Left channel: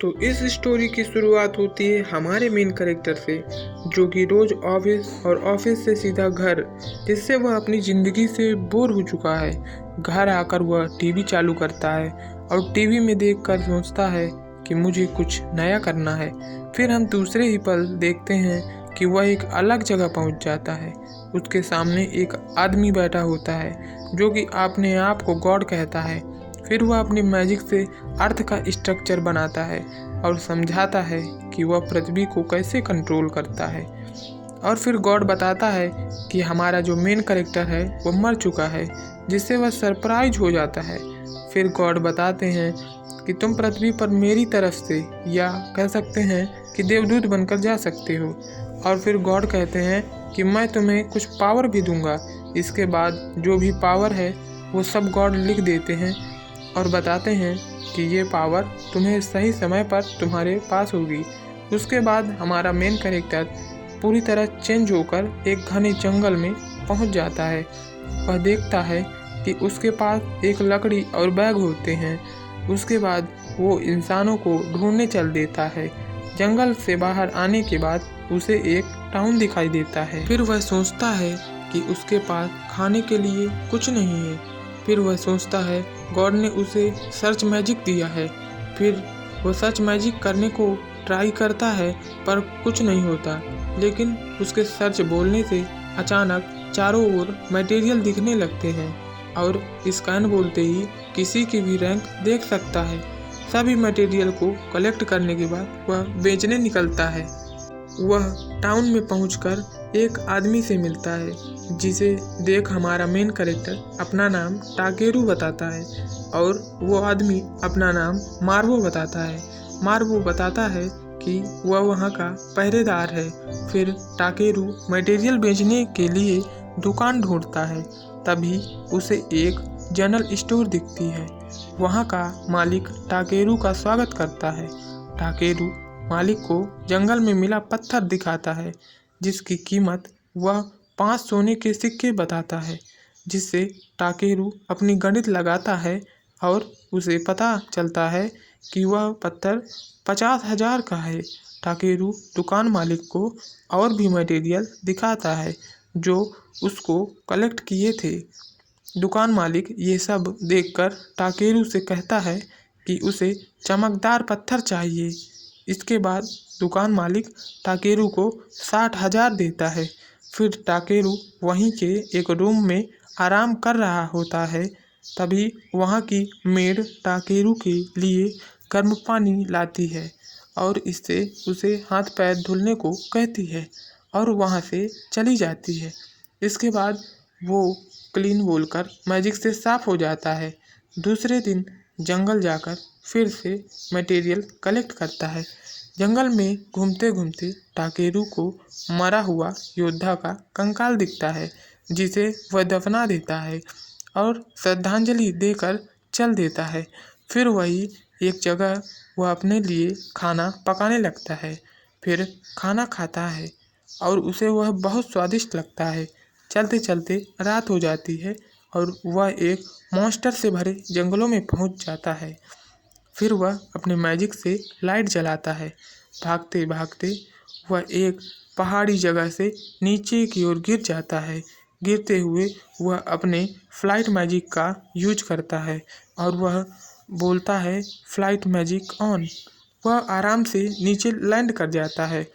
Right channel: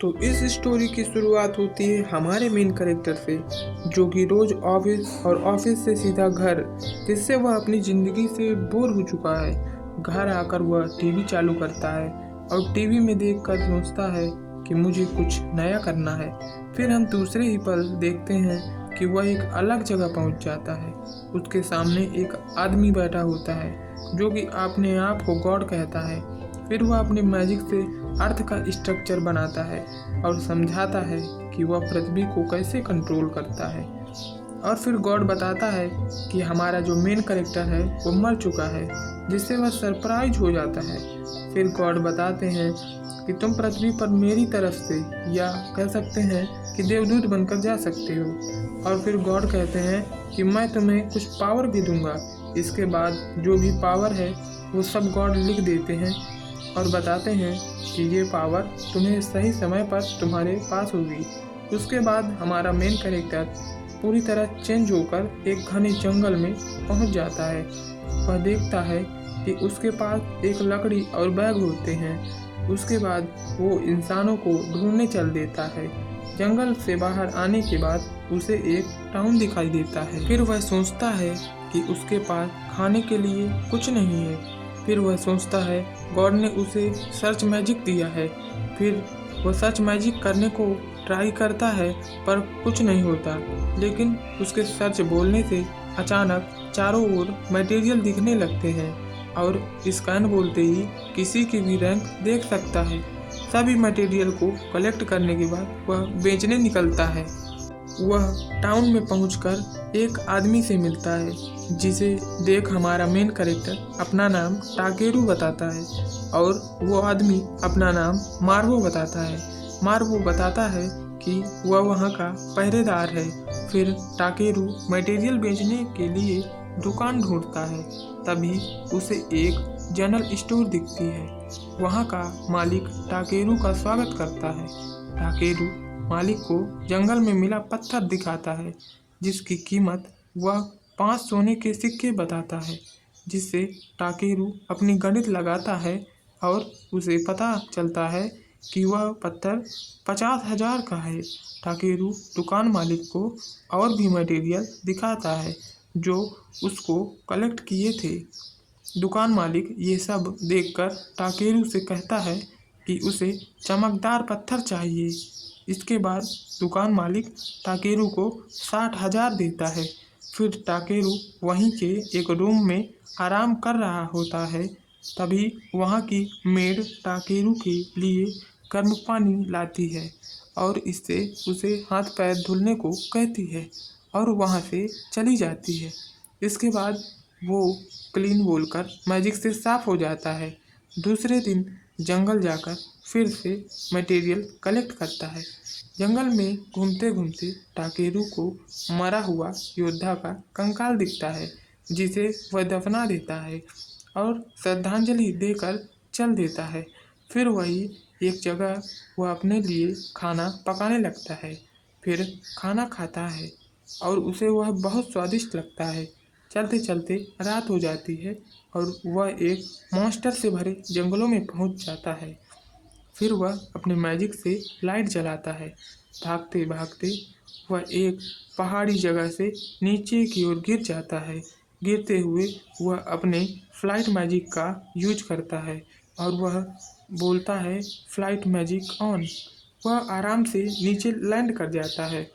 तो इस स्टोरी की शुरुआत होती है हमारे मेन कैरेक्टर से, जो कि रोज ऑफिस और ऑफिस से सीधा घर, जिससे वह अपनी ज़िंदगी से बोर हो चुका है। घर आकर वह टीवी चालू करता है और टीवी में देखकर सोचता है कि मुझे कुछ नया करना है। फिर हम दूसरे ही पल देखते हैं कि वह एक अलग जगह पहुंच जाता है। उसके सामने एक आदमी बैठा होता है जो कि अपने आप को गॉड कहता है। फिर वह अपनी मैजिक से अर्थ का स्ट्रक्चर बनाता है और समझाता है कि वह पृथ्वी को कैसे कंट्रोल करता है। और फिर गॉड बताता है कि हमारा जो मेन कैरेक्टर है वो मर चुका है, जिससे वह सरप्राइज हो जाता है। फिर गॉड बताते हैं कि तुम पृथ्वी पर मेरी तरफ से, या कह सकते हैं कि देवदूत बनकर जा सकते हो। और फिर गॉड कहते हैं कि मैं तुम्हें कुछ पावर भी दूंगा। इसके बाद जो भी पावर है वो सब गॉड लिख देते हैं और बताते हैं कि ये पावर तुम्हें सही समय पर तुम्हारे पास होगी। उसके बाद हमारा मेन कैरेक्टर पूरी तरह चेंज होकर एक घने जंगल में पहुंच जाता है। वह देखता है कि उसके पास एक लकड़ी और बैग होते हैं। उसके बाद वो इंसानों को ढूंढने चल देता है। जंगल से बाहर आने के बाद उसे एक टाउन दिखाई देता है। फिर वह सोचता है कि उसके पास खाने के लिए कुछ नहीं है। फिर वह सोचता है गॉड ने उसे सर्च मैजिक दिया है। फिर वह सर्च मैजिक करने को ट्राई करता है पर कुछ नहीं होता। लेकिन उसके सर्च बोलने से अचानक चारों ओर मटेरियल दिखने लगते हैं और स्कैन बोलते ही किसी की भी रैंक देख सकता है। सभी मटेरियल को कलेक्ट करने के बाद वह बेचने निकलता है। वह टाउन में पहुंचकर एक आदमी से मिलता है, जिसे देख हमारा मेन कैरेक्टर अपना नाम टाकेरू बताता है और वो आदमी अपना नाम मार्वो बताता है। मार्वो बताता है कि वह वहाँ का पहरेदार है। फिर टाकेरू मटेरियल बेचने के लिए दुकान ढूंढता है। तभी उसे एक जनरल स्टोर दिखती है। वहाँ का मालिक टाकेरू का स्वागत करता है। टाकेरू मालिक को जंगल में मिला पत्थर दिखाता है, जिसकी कीमत वह 5 सोने के सिक्के बताता है, जिससे टाकेरू अपनी गणित लगाता है और उसे पता चलता है कि वह पत्थर 50,000 का है। टाकेरू दुकान मालिक को और भी मटेरियल दिखाता है जो उसको कलेक्ट किए थे। दुकान मालिक ये सब देखकर टाकेरू से कहता है कि उसे चमकदार पत्थर चाहिए। इसके बाद दुकान मालिक टाकेरू को 60,000 देता है। फिर टाकेरू वहीं के एक रूम में आराम कर रहा होता है। तभी वहाँ की मेड टाकेरू के लिए गर्म पानी लाती है और इससे उसे हाथ पैर धुलने को कहती है और वहाँ से चली जाती है। इसके बाद वो क्लीन बोलकर मैजिक से साफ हो जाता है। दूसरे दिन जंगल जाकर फिर से मटेरियल कलेक्ट करता है। जंगल में घूमते घूमते टाकेरू को मरा हुआ योद्धा का कंकाल दिखता है, जिसे वह दफना देता है और श्रद्धांजलि देकर चल देता है। फिर वही एक जगह वह अपने लिए खाना पकाने लगता है। फिर खाना खाता है और उसे वह बहुत स्वादिष्ट लगता है। चलते चलते रात हो जाती है और वह एक मॉन्स्टर से भरे जंगलों में पहुंच जाता है। फिर वह अपने मैजिक से लाइट जलाता है। भागते भागते वह एक पहाड़ी जगह से नीचे की ओर गिर जाता है। गिरते हुए वह अपने फ्लाइट मैजिक का यूज करता है और वह बोलता है फ्लाइट मैजिक ऑन। वह आराम से नीचे लैंड कर जाता है।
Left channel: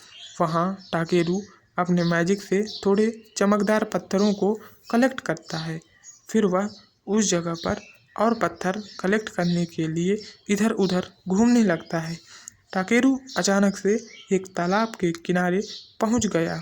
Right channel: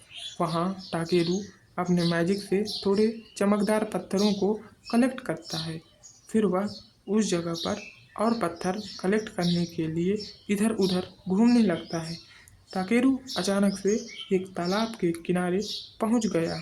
वहाँ टाकेरू अपने मैजिक से थोड़े चमकदार पत्थरों को कलेक्ट करता है। फिर वह उस जगह पर और पत्थर कलेक्ट करने के लिए इधर उधर घूमने लगता है। टाकेरू अचानक से एक तालाब के किनारे पहुंच गया।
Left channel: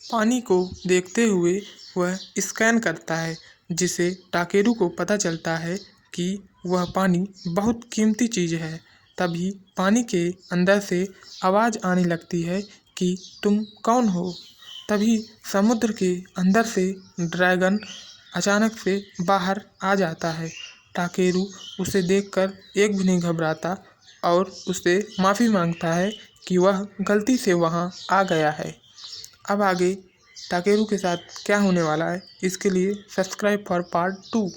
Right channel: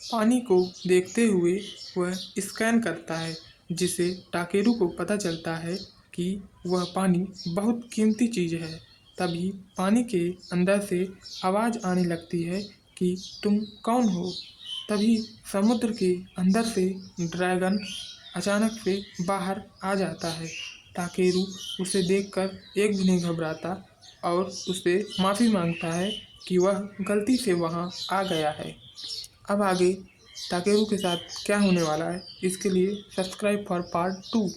पानी को देखते हुए वह स्कैन करता है, जिसे टाकेरू को पता चलता है कि वह पानी बहुत कीमती चीज़ है। तभी पानी के अंदर से आवाज़ आने लगती है कि तुम कौन हो। तभी समुद्र के अंदर से ड्रैगन अचानक से बाहर आ जाता है। टाकेरू उसे देखकर एक भी नहीं घबराता और उससे माफ़ी मांगता है कि वह गलती से वहाँ आ गया है। अब आगे टाकेरू के साथ क्या होने वाला है, इसके लिए सब्सक्राइब फॉर पार्ट 2।